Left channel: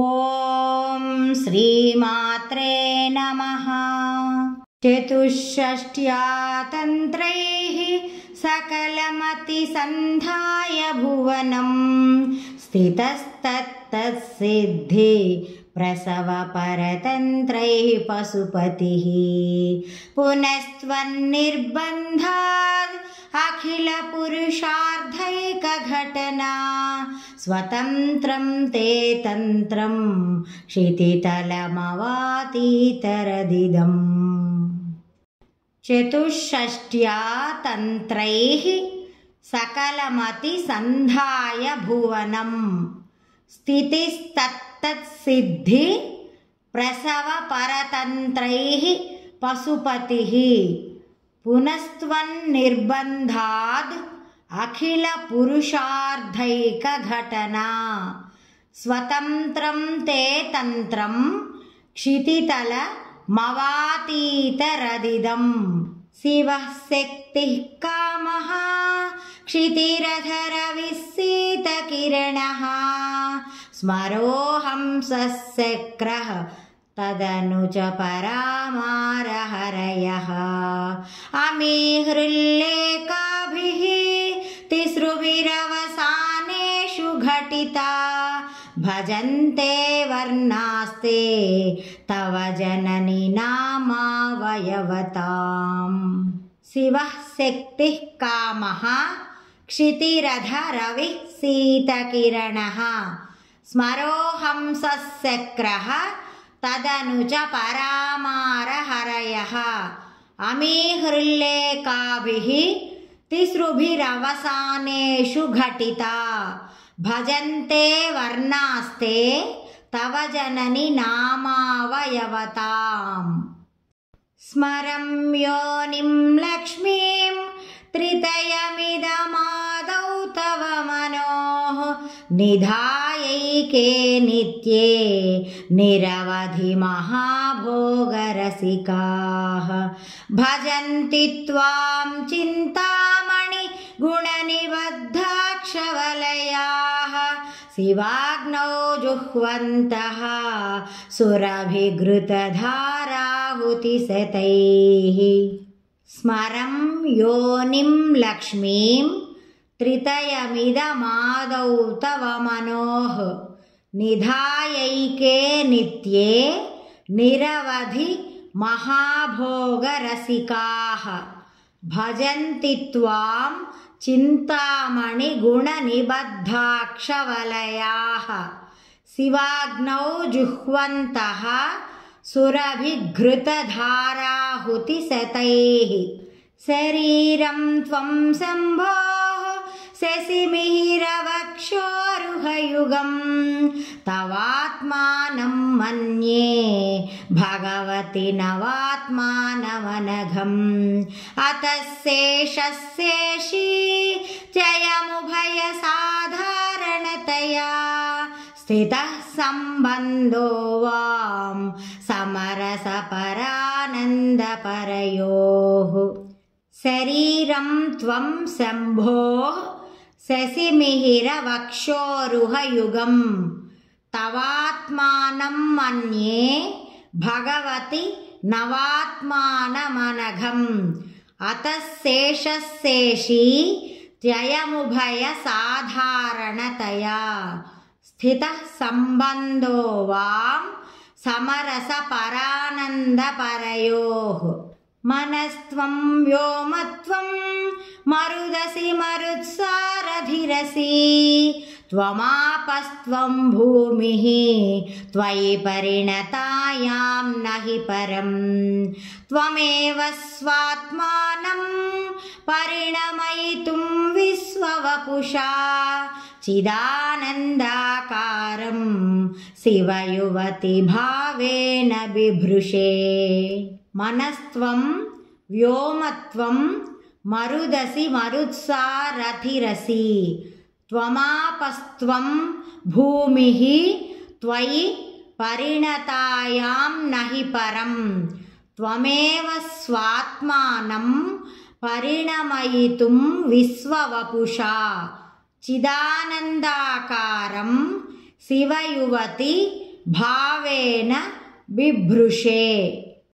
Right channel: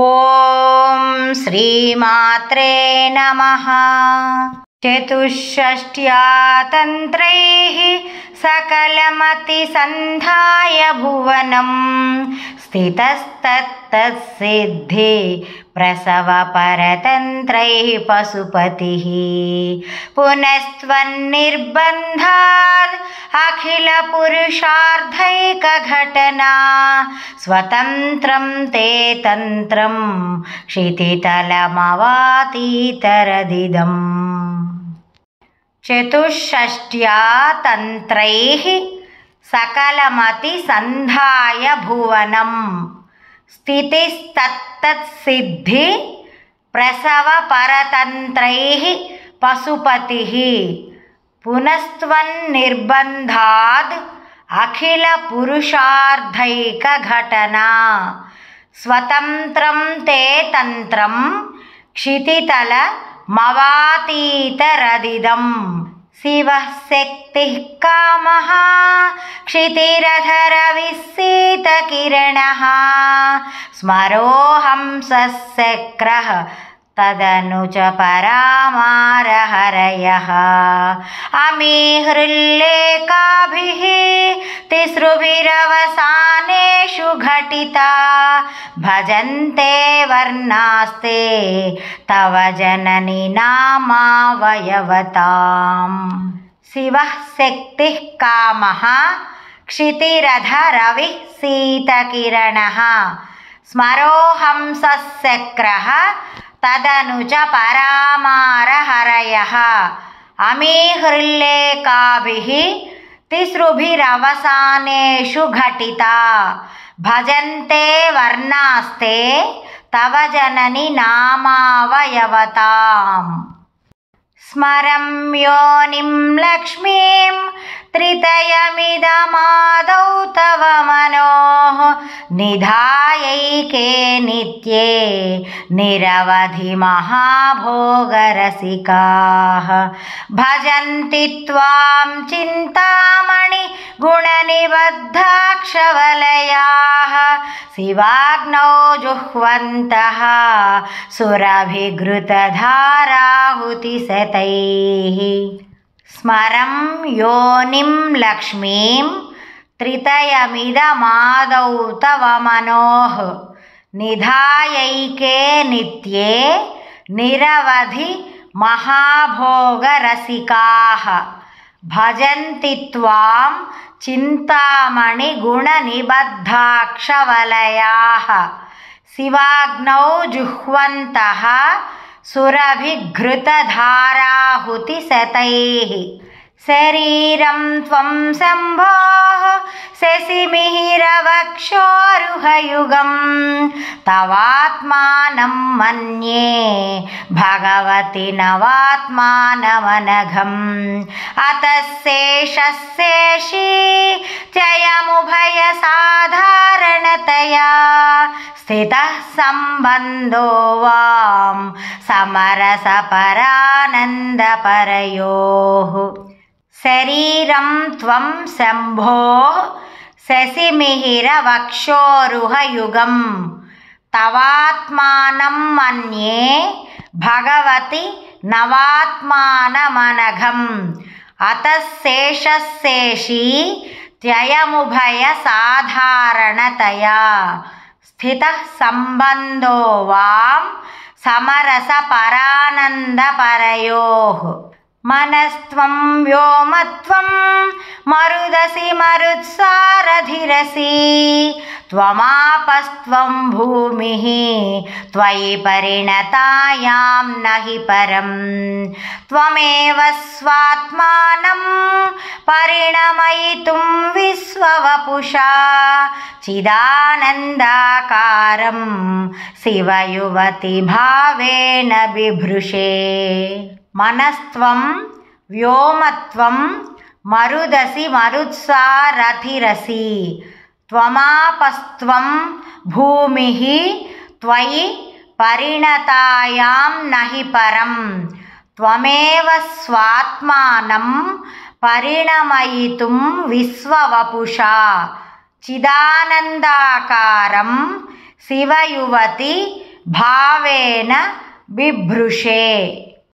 ఓం శ్రీమాత్రే నమః. చతుష్షష్ట్యా తంత్రైః సకలమతిసంధాయ భువనం స్థితస్తత్తత్సిద్ధి ప్రసవ పరతంత్రైః పశుపతిః పునస్త్వన్నిర్బంధాద్ అఖిల పురుషార్థైక ఘటనా స్వతంత్రం తే తంత్రం క్షితితలమవాతీతరదిదం. చతుష్షష్ట్యా తంత్రైః సకలమతిసంధాయ భువనం స్థితిస్తత్తత్సిద్ధి ప్రసవ పరతంత్రైః పశుపతిః పునస్త్వన్నిర్బంధాద్ అఖిల పురుషార్థైక ఘటనా స్వతంత్రం తే తంత్రం క్షితితలమవాతీతరదిదం. శివః శక్తిః కామః క్షితిరధరవిస్సీతకిరణః స్మరోహంసః శక్రః తదను చ పరామారహరయః అమీ హృల్లేఖాభిః తిసృభిరవసానేషు ఘటితా భజంతే వర్ణాస్తే తవ జనని నామావయవతాం. శివః శక్తిః కామః క్షితిరధరవిః సీతకిరణః స్మరోహంసః శక్రః తదను చ పరామారహరయః అమీ హృల్లేఖాభిః తిసృభిరవసానేషు ఘటితా భజంతే వర్ణాస్తే తవ జనని నామావయవతాం. స్మరం యోనిం లక్ష్మీం త్రితయమిదమాదౌ తవ మనోః నిధాయైకే నిత్యే నిరవధి మహాభోగరసికాః భజంతి త్వాం చింతామణి గుణనిబద్ధాక్షవలయాః శివాగ్నౌ జుహ్వంతః సురభిఘృతధారాహుతిశతైః. స్మరం యోనిం లక్ష్మీం త్రితయమిదమాదౌ తవ మనోః నిధాయైకే నిత్యే నిరవధి మహాభోగరసికాః భజంతి త్వాం చింతామణి గుణనిబద్ధాక్షవలయాః శివాగ్నౌ జుహ్వంతః సురభిఘృతధారాహుతిశతైః. శరీరం త్వం శంభోః శశిమిహిరవక్షోరుహయుగం తవాత్మానం మన్యే భగవతి నవాత్మానమనఘం అతః శేషః శేషీ త్యయముభయ సాధారణతయా స్థితః సంబంధో వాం సమరసపరానందపరయోః. శరీరం త్వం శంభోః శశిమిహిరవక్షోరుహయుగం తవాత్మానం మన్యే భగవతి నవాత్మానమనఘం అతః శేషః శేషీ త్యయముభయ సాధారణతయా స్థితః సంబంధో వాం సమరసపరానందపరయోః. మనస్త్వం వ్యోమత్వం మరుదసి మరుత్సారధిరసి త్వమాపస్త్వం భూమిః త్వయి పరిణతాయాం నహి పరం త్వమేవ స్వాత్మానం పరిణమయితుం విశ్వవపుషా చిదానందాకారం శివయువతి భావేన బిభృషే. మనస్త్వం వ్యోమత్వం మరుదసి మరుత్సారథిరసి త్వమాపస్త్వం భూమిః త్వయి పరిణతాయాం నహి పరం త్వమేవ స్వాత్మానం పరిణమయితుం విశ్వవపుషా చిదానందాకారం శివయువతి భావేన బిభృషే.